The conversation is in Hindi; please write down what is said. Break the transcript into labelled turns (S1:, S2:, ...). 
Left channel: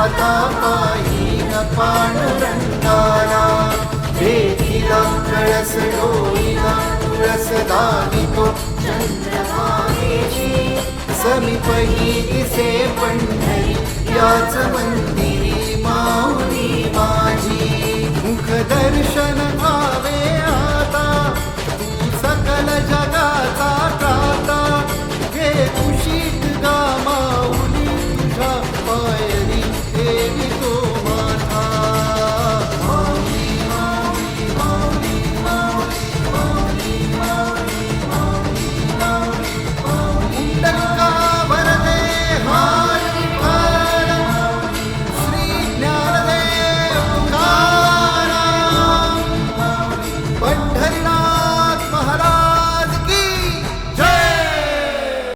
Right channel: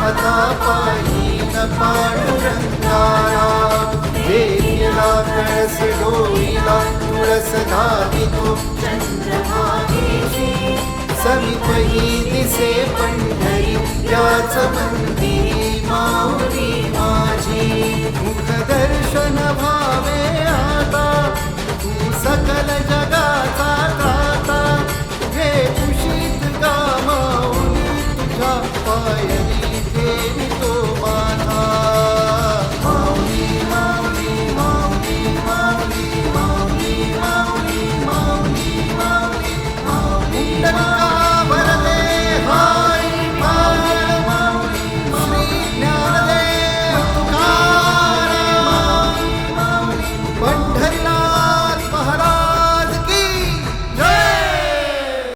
S1: पदा कायीनकानरन्तारा देवीरा रसडोमिना रसदादितो चन्द्रमायी समिपयी deve encarar.